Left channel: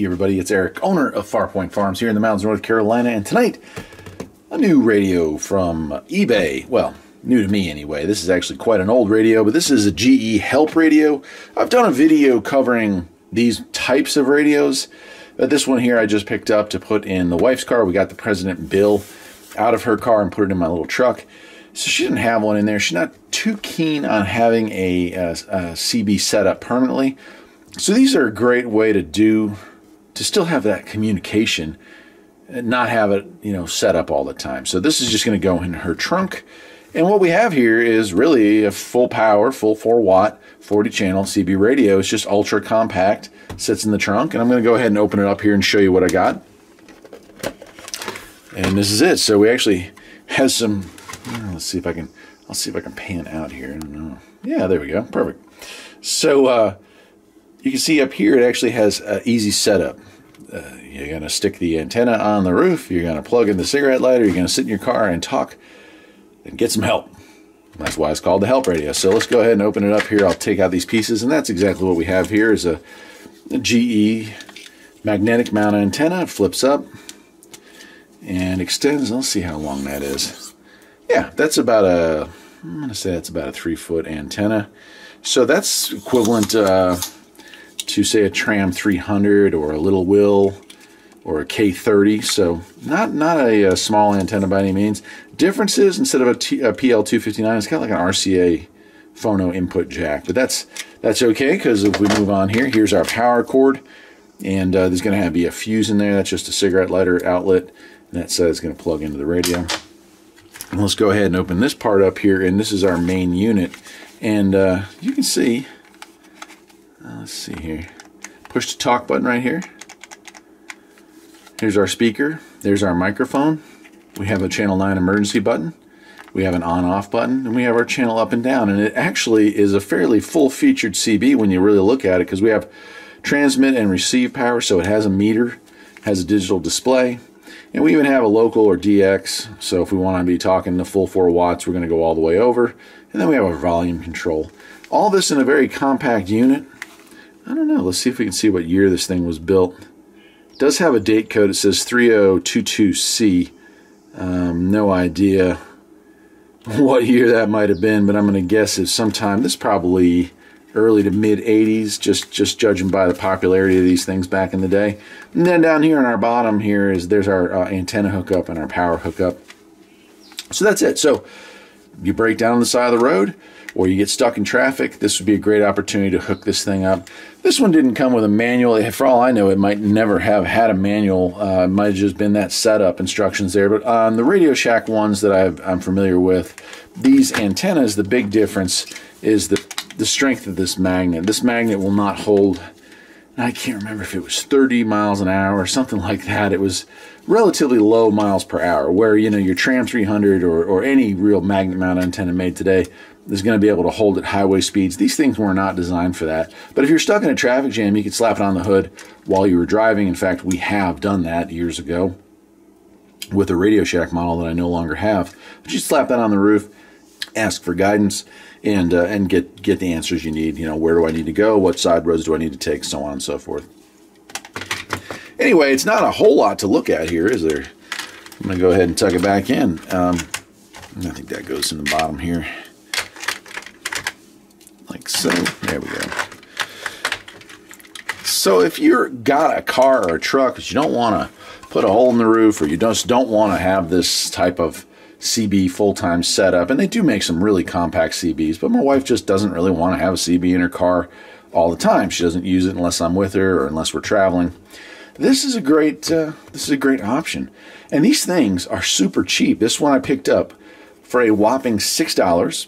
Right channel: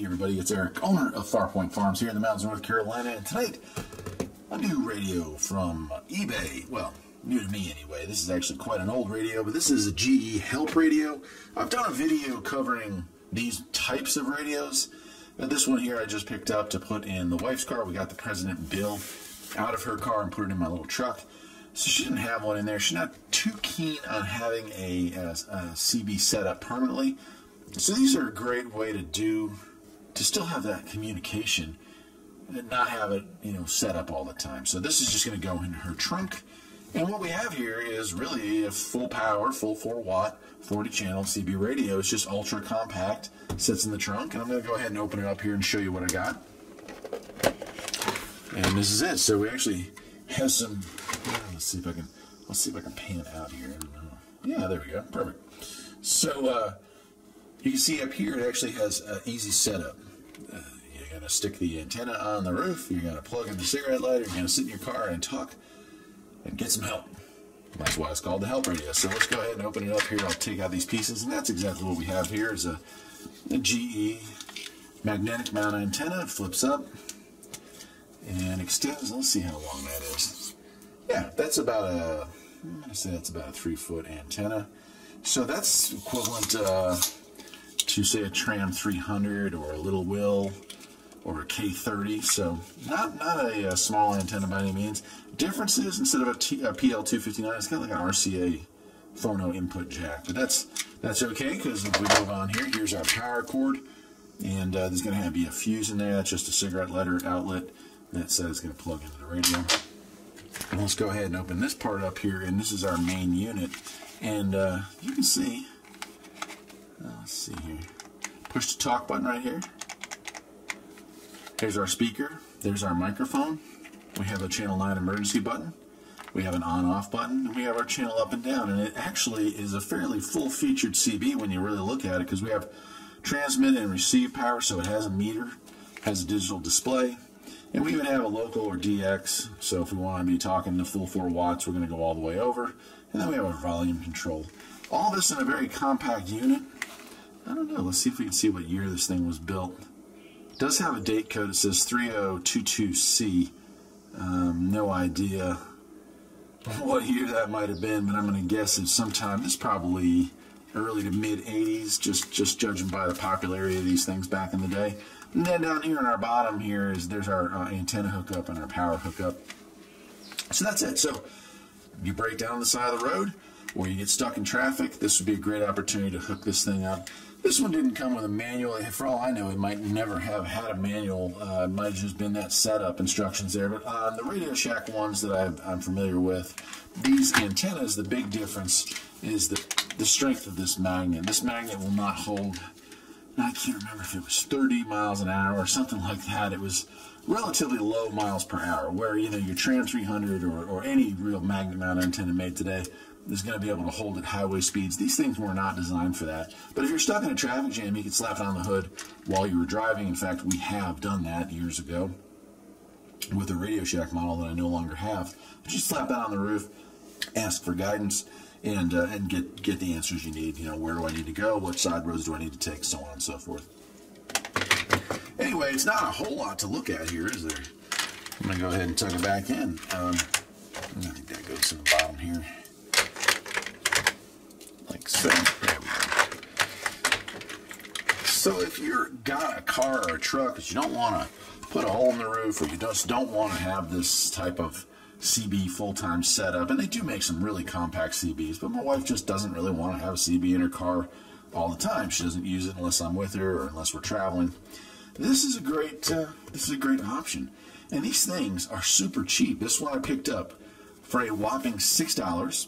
Hey everybody, it's Eric, owner of Farpoint Farms here in the mountains of North Carolina, and tonight, a new radio from eBay. Well, new to me anyway. This is actually quite an old radio, but this is a GE Help radio. I've done a video covering these types of radios. This one here I just picked up to put in the wife's car. We got the President Bill out of her car and put it in my little truck. So she didn't have one in there. She's not too keen on having a CB set up permanently. So these are a great way to still have that communication and not have it, set up all the time. So this is just going to go in her trunk. And what we have here is really a full power, full 4-watt, 40-channel CB radio. It's just ultra compact, sits in the trunk. And I'm going to go ahead and open it up here and show you what I got. And this is it. So we actually have some, I'll see if I can pan out here. I don't know. Yeah, there we go. Perfect. So, you can see up here it actually has an easy setup. You're going to stick the antenna on the roof, you're going to plug in the cigarette lighter, you're going to sit in your car and talk and get some help. That's why it's called the Help Radio. So let's go ahead and open it up here. I'll take out these pieces, and that's exactly what we have here is a GE magnetic mount antenna. It flips up and extends. Let's see how long that is. Yeah, that's about I'm going to say that's about a 3-foot antenna. So that's equivalent to say a Tram 300 or a Little Will or a K30, so not a small antenna by any means. Difference is instead of a PL259, it's got like an RCA phono input jack, but that's okay because if we move on here, here's our power cord, and there's going to be a fuse in there. That's just a cigarette lighter outlet, and that says it's going to plug into the radio. And let's go ahead and open this part up here, and this is our main unit, and you can see. Let's see here. Push the talk button right here. Here's our speaker. There's our microphone. We have a channel 9 emergency button. We have an on-off button, and we have our channel up and down. And it actually is a fairly full-featured CB when you really look at it, because we have transmit and receive power, so it has a meter, has a digital display, and we even have a local or DX. So if we want to be talking the full 4 watts, we're going to go all the way over. And then we have our volume control. All this in a very compact unit. I don't know. Let's see if we can see what year this thing was built. It does have a date code. It says 3022C. No idea what year that might have been, but I'm going to guess it's sometime. This is probably early to mid 80s, just judging by the popularity of these things back in the day. And then down here on our bottom here there's our antenna hookup and our power hookup. So that's it. So you break down on the side of the road, or you get stuck in traffic, this would be a great opportunity to hook this thing up. This one didn't come with a manual. For all I know, it might never have had a manual. It might have just been that setup instructions there. But on the Radio Shack ones that I'm familiar with, these antennas, the big difference is the strength of this magnet. This magnet will not hold, I can't remember if it was 30 miles an hour or something like that. It was relatively low miles per hour, where your Tram 300 or any real magnet mount antenna made today is going to be able to hold at highway speeds. These things were not designed for that. But if you're stuck in a traffic jam, you could slap it on the hood while you were driving. In fact, we have done that years ago with a Radio Shack model that I no longer have. But you slap that on the roof, ask for guidance, and get the answers you need. Where do I need to go? What side roads do I need to take? So on and so forth. Anyway, it's not a whole lot to look at here, is there? I'm going to go ahead and tuck it back in. I think that goes in the bottom here. Like so. There we go. So if you've got a car or a truck that you don't want to put a hole in the roof, or you just don't want to have this type of CB full-time setup, and they do make some really compact CBs, but my wife just doesn't really want to have a CB in her car all the time. She doesn't use it unless I'm with her or unless we're traveling. This is a great option, and these things are super cheap. This one I picked up for a whopping $6.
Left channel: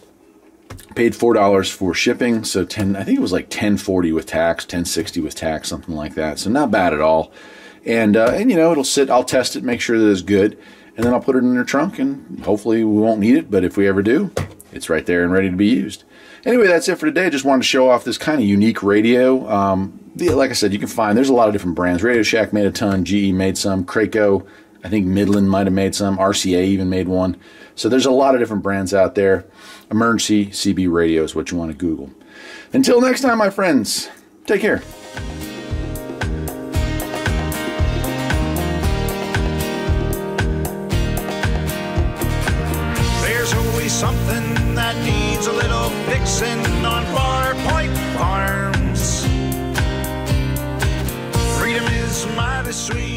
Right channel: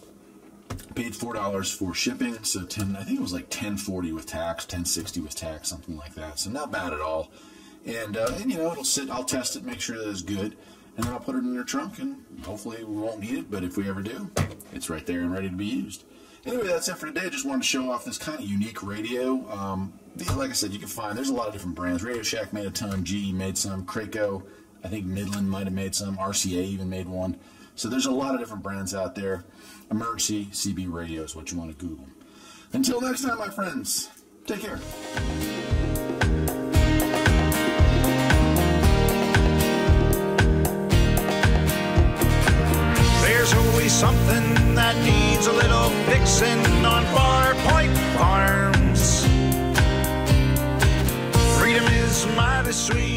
Paid $4 for shipping, so I think it was like $10.40 with tax, $10.60 with tax, something like that. So not bad at all. And it'll sit. I'll test it, make sure that it's good, and then I'll put it in the trunk, and hopefully we won't need it. But if we ever do, it's right there and ready to be used. Anyway, that's it for today. I just wanted to show off this kind of unique radio. Like I said, there's a lot of different brands. Radio Shack made a ton. GE made some. Craco, I think Midland might have made some. RCA even made one. So there's a lot of different brands out there. Emergency CB radio is what you want to Google. Until next time, my friends, take care. something that needs a little fixing on Far Point Farms. Freedom is mighty sweet.